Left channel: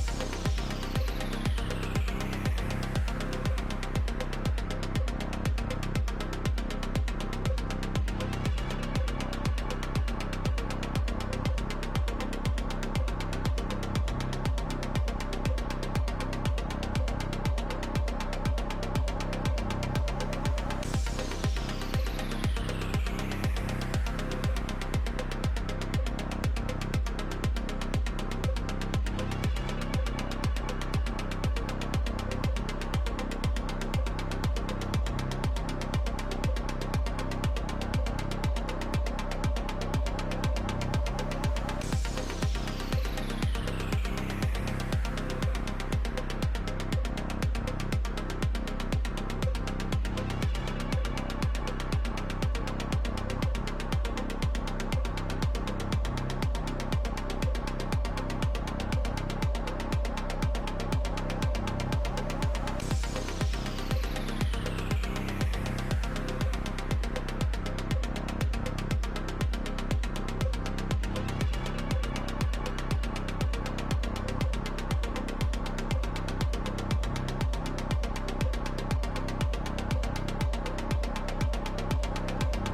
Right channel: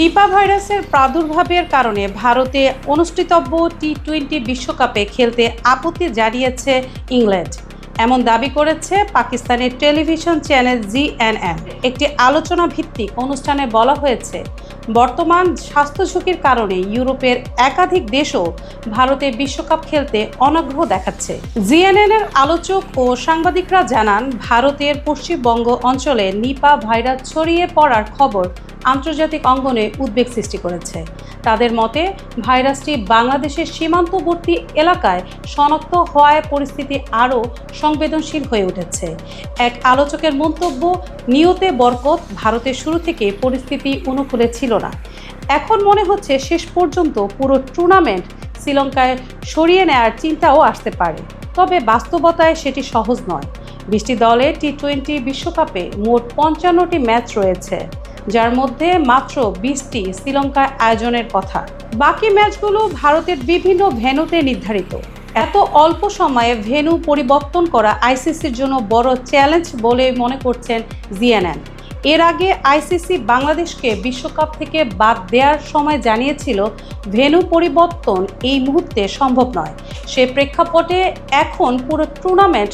নিপা ভাইরাসের প্রাদুর্ভাবের কারণে ভারতে অনুষ্ঠিতব্য টি-20 বিশ্বকাপে খেলতে আপত্তি জানিয়েছে ইংল্যান্ড। এমন দাবি করেছে পাকিস্তানের টেলিভিশন চ্যানেল জিএনএন। একটি আলোচনা ভিত্তিক অনুষ্ঠানে বলা হয়েছে, বর্তমান স্বাস্থ্য ঝুঁকির কারণে ইউরোপের একাধিক দেশও ভারতে বিশ্বকাপ খেলতে অনাগ্রহ দেখাচ্ছে। জিএনএনের আলোচক ও সাংবাদিকরা জানান, ভারতের পশ্চিমবঙ্গ অঞ্চলে নিপা ভাইরাস ছড়িয়ে পড়ার খবর আন্তর্জাতিক অঙ্গনে উদ্বেগ সৃষ্টি করেছে। তাদের মতে, ভাইরাসটি বাংলাদেশের সীমান্তবর্তী এলাকায় শনাক্ত হওয়ায় পরিস্থিতি আরও সংবেদনশীল হয়ে উঠেছে। এক আলোচকের মন্তব্য, নিয়তে বরকত, ভারতের শুরু থেকে পরিস্থিতি অনুকূলে ছিল না। এখন মনে হচ্ছে শেষ পর্যন্ত পুরো টুর্নামেন্ট শ্রীলঙ্কায় সরিয়ে নেওয়ার চিন্তাও আসতে পারে। তবে বাস্তবতায় সেটি সহজ নয়। 20টি দলে টি-20 বিশ্বকাপে মোট 55টি ম্যাচ রয়েছে, যার মধ্যে মাত্র 20টি শ্রীলঙ্কায় আয়োজনের কথা। বাকি ম্যাচগুলো ভারতের বিভিন্ন ভেন্যুতে নির্ধারিত। এত অল্প সময়ে ভেন্যু পরিবর্তন করা আইসিসির জন্য বড় চ্যালেঞ্জ বলে মনে করছেন জিএনএন। এর আগে আইসিসি বাংলাদেশকে বিশ্বকাপ থেকে বাদ দেওয়ার সময় জানিয়েছিল, ভেন্যু পরিবর্তন এই মুহূর্তে সম্ভব নয়। সে প্রেক্ষাপটে এখন পুরো টুর্নামেন্ট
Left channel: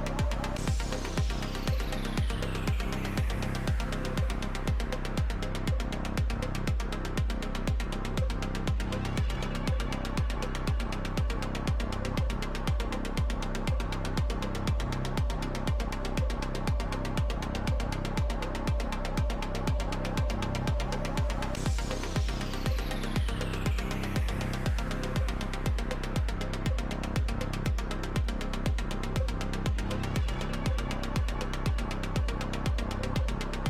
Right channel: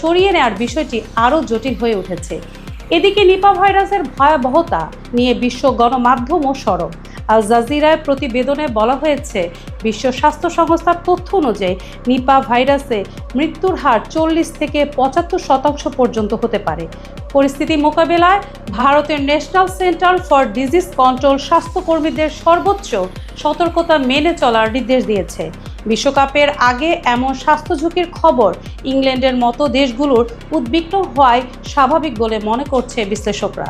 সরিয়ে নেওয়ার বিষয়টি আরও জটিল হয়ে উঠেছে। এদিকে নিপা ভাইরাসের ভয়াবহতা নিয়ে বিশ্ব গণমাধ্যমও সরব। আল জাজিরার প্রতিবেদনে বলা হয়েছে, বিশ্ব স্বাস্থ্য সংস্থার তথ্য অনুযায়ী নিপা ভাইরাসে মৃত্যুর হার 40 থেকে 75% পর্যন্ত হতে পারে। পরিস্থিতি মোকাবেলায় ভারতের national centre for disease control স্বাস্থ্যকর্মীদের সর্বোচ্চ সতর্কতা মেনে চলার নির্দেশ দিয়েছে। বিশ্বকাপের আগে এমন স্বাস্থ্য ঝুঁকির খবর ইংল্যান্ডের মতো দেশগুলোর উদ্বিগ্ন হওয়াই স্বাভাবিক বলে মনে করছে বিশ্লেষকরা।